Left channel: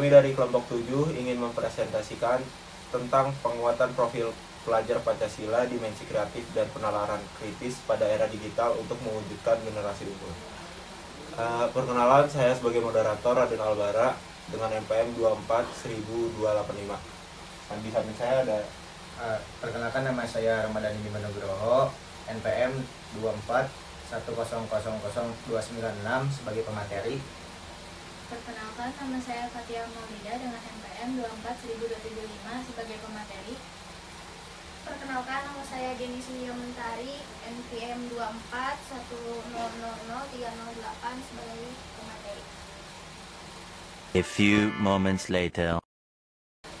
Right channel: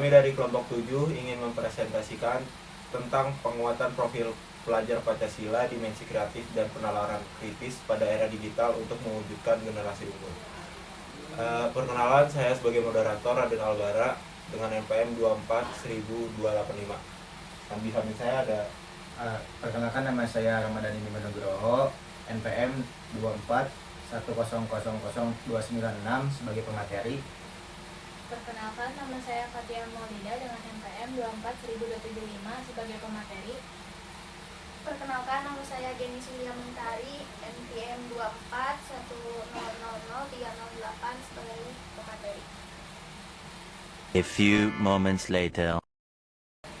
Kami dari kelompok 7 ingin mempresentasikan tentang penguatan profil pelajar Pancasila, dimensi kreatif dan penalaran kritis pada era digital untuk mewujudkan generasi unggul. Perkenalan, saya sebagai moderator Raden Albara dengan NPM 24.285. Di samping saya ada Perkenalkan, nama saya Ramadhani Nugroho, NPM 2410000296 sebagai pemateri. Perkenalkan, nama saya Fatia Maulida dengan NPM 24.275 sebagai pemateri. Perkenalkan, nama saya Jenny Sunia Mentari, NPM 2410003008 sebagai pemateri. A few moments later.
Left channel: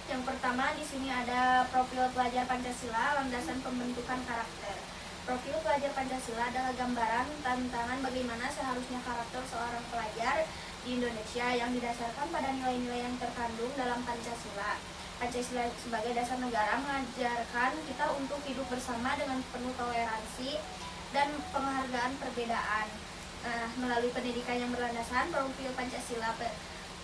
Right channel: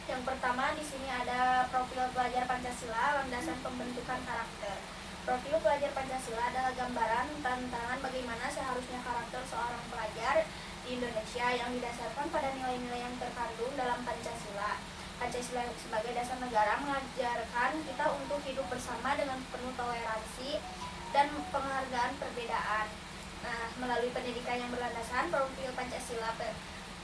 Yang pertama, di sini ada profil pelajar Pancasila, landasan pembentukan karakter. Profil pelajar Pancasila adalah gambaran tantangan bagaimana seharusnya karakter seorang pelajar di Indonesia yang didasarkan pada nilai-nilai yang terkandung dalam Pancasila. Pancasila sebagai dasar negara mengajarkan kita untuk hidup bersama dengan penuh toleransi dan penghargaan perbedaan. Melalui pendidikan yang berlandaskan profil Pancasila,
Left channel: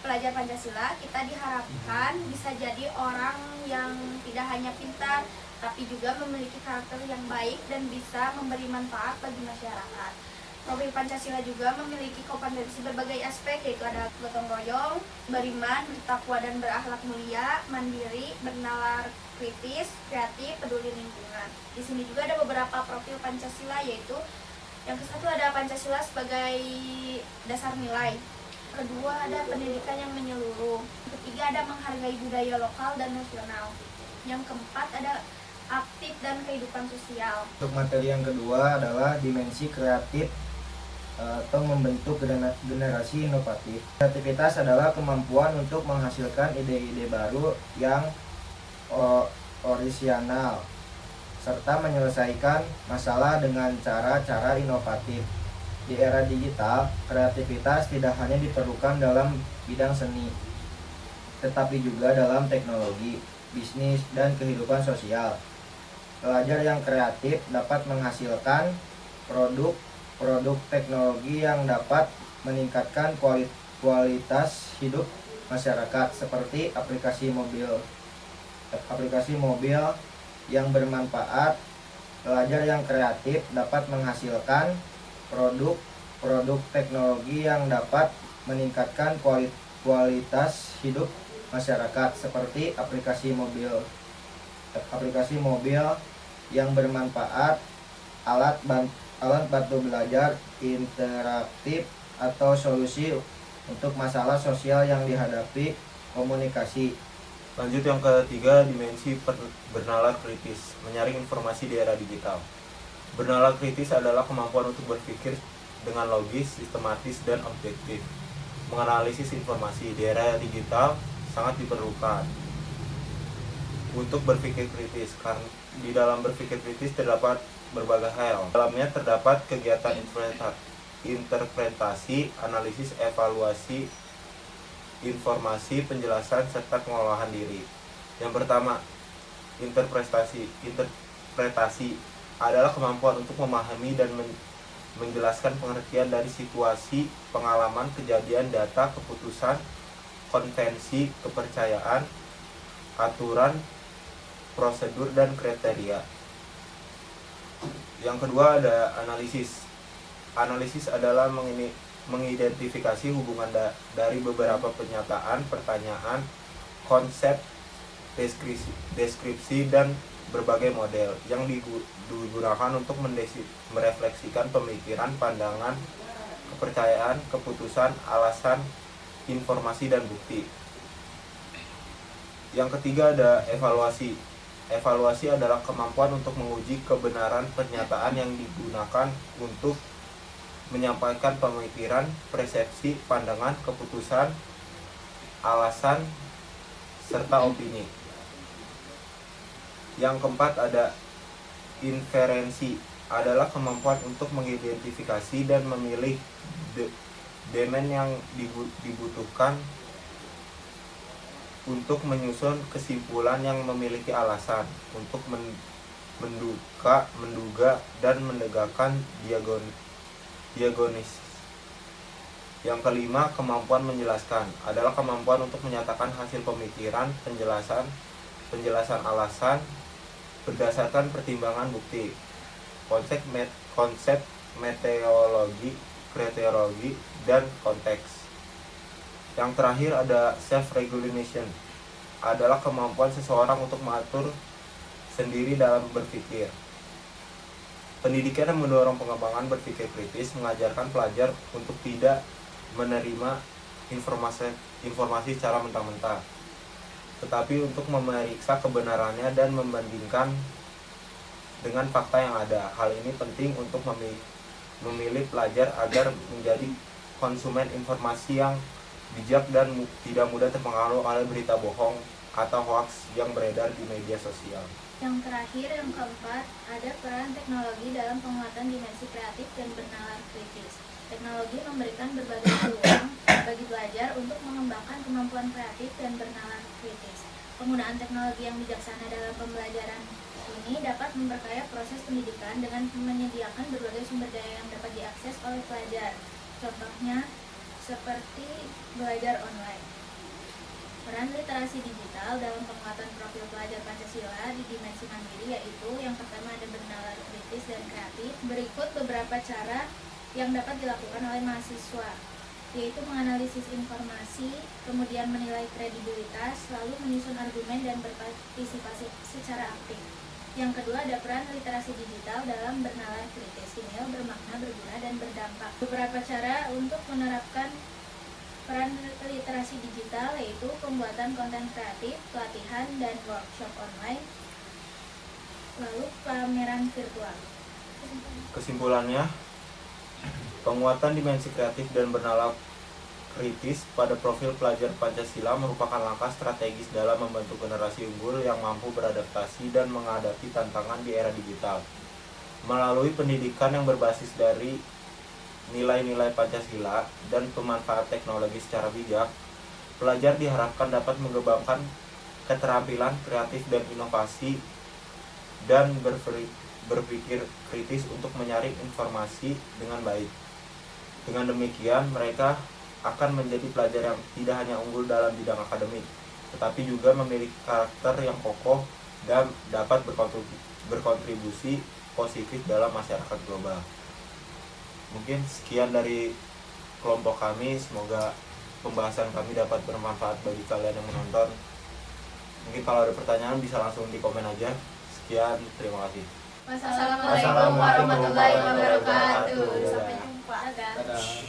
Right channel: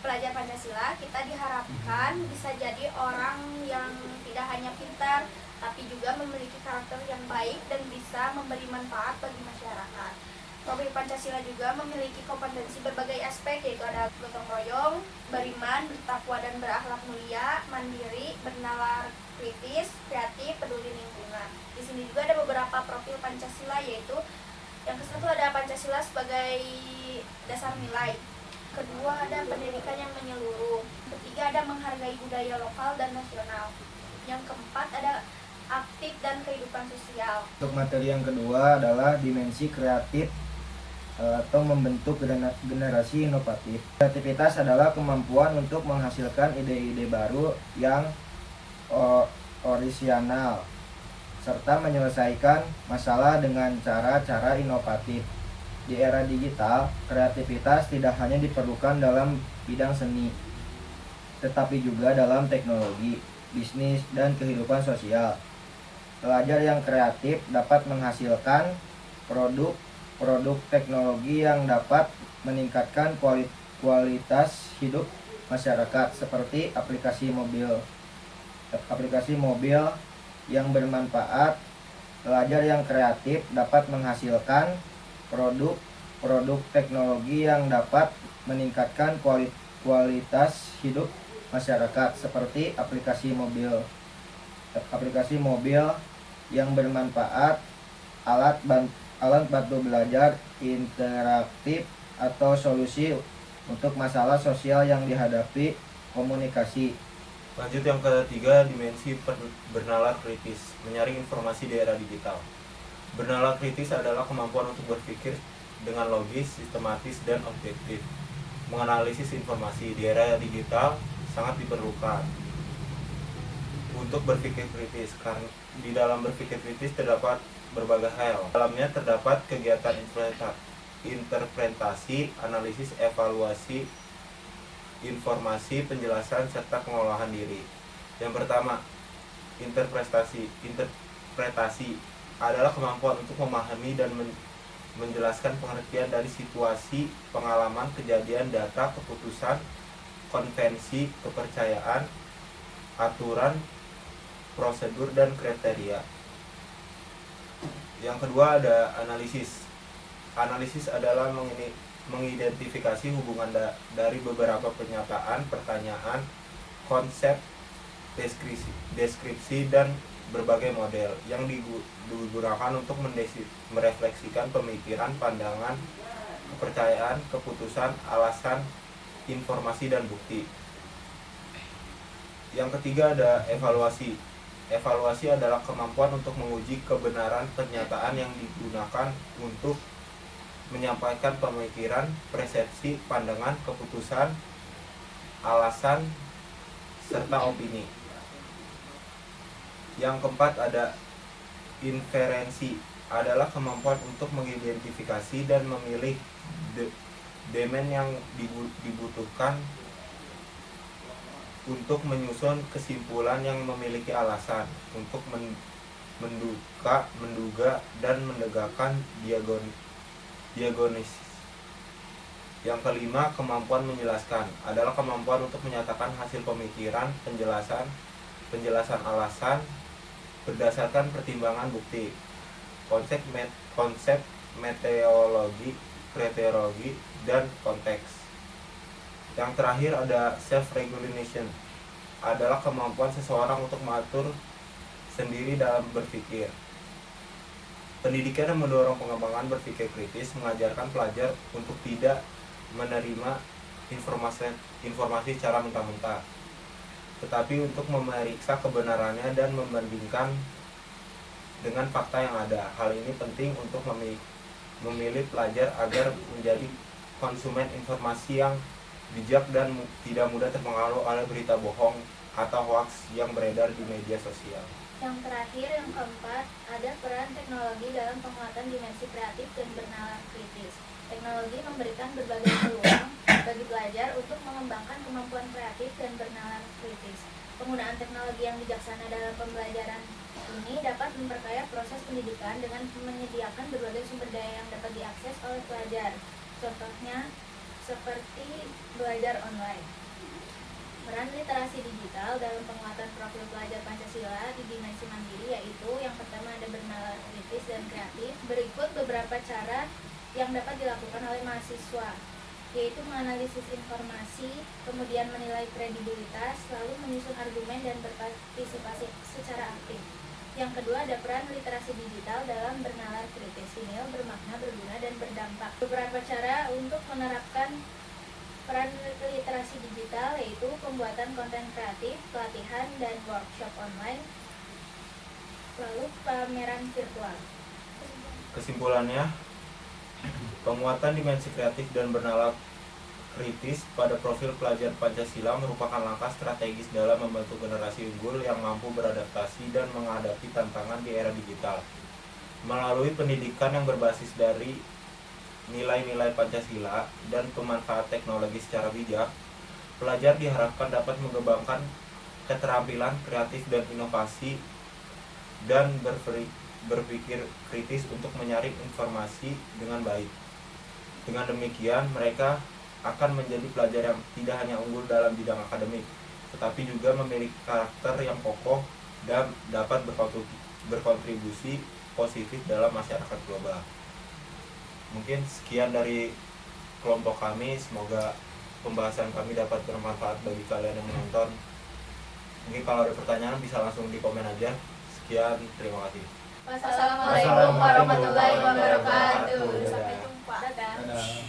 pelajar Pancasila, kita diharapkan bisa jadi orang yang tidak hanya pintar, tapi juga memiliki karakter yang baik dan bisa memberi manfaat bagi masyarakat. Profil Pancasila juga memiliki kompetensi berbagai aspek, yaitu ada gotong royong, beriman, bertakwa dan berakhlak mulia, mandiri, bernalar kritis, kreatif, peduli lingkungan. Di sini juga ada beberapa profil Pancasila, yaitu yang ke-1 ada Pancasila sebagai dasar nilai. Kedua ada pendidikan yang menyeluruh. Ketiga ada menghargai budaya lokal dan nasional. Yang keempat ada aktif dan kehidupan sosial. Untuk materi yang kedua adalah dimensi kreatif atau membentuk generasi inovatif. Kreativitas adalah kemampuan untuk menghasilkan ide-ide baru yang orisinal serta menyelesaikan masalah dengan cara-cara inovatif. Di era digital, kreativitas tidak hanya diperlukan dalam bidang seni, tetapi juga dalam teknologi, bisnis, dan kehidupan sosial. Pelajar yang kreatif dapat menghasilkan produk teknologi yang dapat meningkatkan kualitas hidup masyarakat, seperti aplikasi mobil yang bermanfaat. Pelajar yang kreatif dapat menghasilkan produk teknologi yang dapat meningkatkan kualitas hidup masyarakat, seperti aplikasi mobil yang bermanfaat, alat bantu belajar interaktif, atau solusi untuk masalah sosial yang dihadapi komunikasi. Lanjut yang ketiga, dimensi bernalar kritis, menyaring informasi di era digital. Bernalar kritis adalah kemampuan untuk berpikir dengan logis, sistematis, dan objektif. Menganalisis informasi di era digital sangat diperlukan untuk berpikir kritis, karena di dalam berpikir kritis terdapat berbagai hal. Dalamnya terdapat kegiatan interpretasi, analisis, evaluasi informasi, penjelasan, serta pengolahan diri. Yang pertama, interpretasi adalah kemampuan untuk memahami dan menjelaskan pengertian dari situasi, pengalaman, kejadian, data, keputusan, konvensi, kepercayaan, aturan, prosedur, dan kriteria. Yang kedua ada analisis. Analisis adalah mengidentifikasi hubungan dari beberapa pernyataan, pertanyaan, konsep, deskripsi, dan berbagai model yang digunakan untuk merefleksikan pemikiran, pandangan, kepercayaan, keputusan, alasan, informasi, dan bukti. Yang ketiga ada evaluasi. Evaluasi adalah kemampuan untuk menguji kebenaran pernyataan yang digunakan untuk menyampaikan pemikiran, persepsi, pandangan, keputusan, alasan, serta opini. Yang keempat ada inferensi, adalah kemampuan untuk mengidentifikasi dan memilih domain yang dibutuhkan untuk menyusun kesimpulan yang memiliki alasan untuk menduga dan menegakkan diagonis. Yang kelima, kemampuan menjelaskan adalah kemampuan untuk menyatakan hasil pemikiran, penjelasan alasan berdasarkan pertimbangan bukti, konsep meteorologi, kriteria, dan konteks. Yang terakhir ada self-regulation, adalah kemampuan seseorang untuk mengatur sendiri dalam berpikir. Pendidikan yang mendorong pengembangan berpikir kritis mengajarkan pelajar untuk tidak menerima informasi secara mentah-mentah, tetapi untuk memeriksa kebenarannya dan membandingkan dengan fakta yang ada. Hal ini penting untuk memilih pelajar agar menjadi konsumen informasi yang bijak dan tidak mudah terpengaruh oleh berita bohong atau hoaks yang beredar di media sosial. Yang terakhir, yang keempat, ada peran teknologi dalam penguatan dimensi kreatif dan bernalar kritis. Teknologi memberikan berbagai peluang bagi pelajar untuk mengembangkan kemampuan kreatif dan bernalar kritis. Penggunaan teknologi yang bijaksana dalam pembelajaran ini dapat memperkaya proses pendidikan dengan menyediakan berbagai sumber daya yang dapat diakses oleh pelajar. Contohnya seperti belajar online. Peran literasi digital dalam penguatan profil pelajar Pancasila di dimensi mandiri yaitu yang pertama ada bernalar kritis dan kreatif. Berikut beberapa cara yang dapat dilakukan oleh mahasiswa, yaitu menganalisis informasi, kemudian menilai kredibilitas, lalu menyusun argumen dan berpartisipasi secara aktif. Yang kedua ada peran literasi digital dalam bernalar kritis. Ini bermakna, berguna, dan berdampak. Beberapa cara untuk menerapkan peran literasi digital yaitu pembuatan konten kreatif, pelatihan, dan workshop online, lalu pameran virtual. Kesimpulannya, penguatan dimensi kreatif dan bernalar kritis pada profil pelajar Pancasila merupakan langkah strategis dalam membentuk generasi unggul yang mampu beradaptasi dan menghadapi tantangan di era digital. Melalui pendidikan yang berbasis dari nilai-nilai Pancasila dan pemanfaat teknologi secara bijak, pelajar diharapkan dapat mengembangkan keterampilan kreatif dan inovasi dan berpikir kritis untuk menyaring informasi dengan baik. Dengan demikian, mereka akan menjadi pelajar yang tidak hanya unggul dalam bidang akademik, tetapi juga memiliki karakter yang kokoh dan dapat berkontribusi positif dalam masyarakat global. Mungkin sekian dari kelompok kami, semoga pembahasan kami dapat bermanfaat bagi kalian yang menonton. Mungkin kalau ada pertanyaan bisa langsung di komen aja. Sekian, terima kasih. Wassalamualaikum warahmatullahi wabarakatuh. Sampai jumpa. Dadah. Dadah.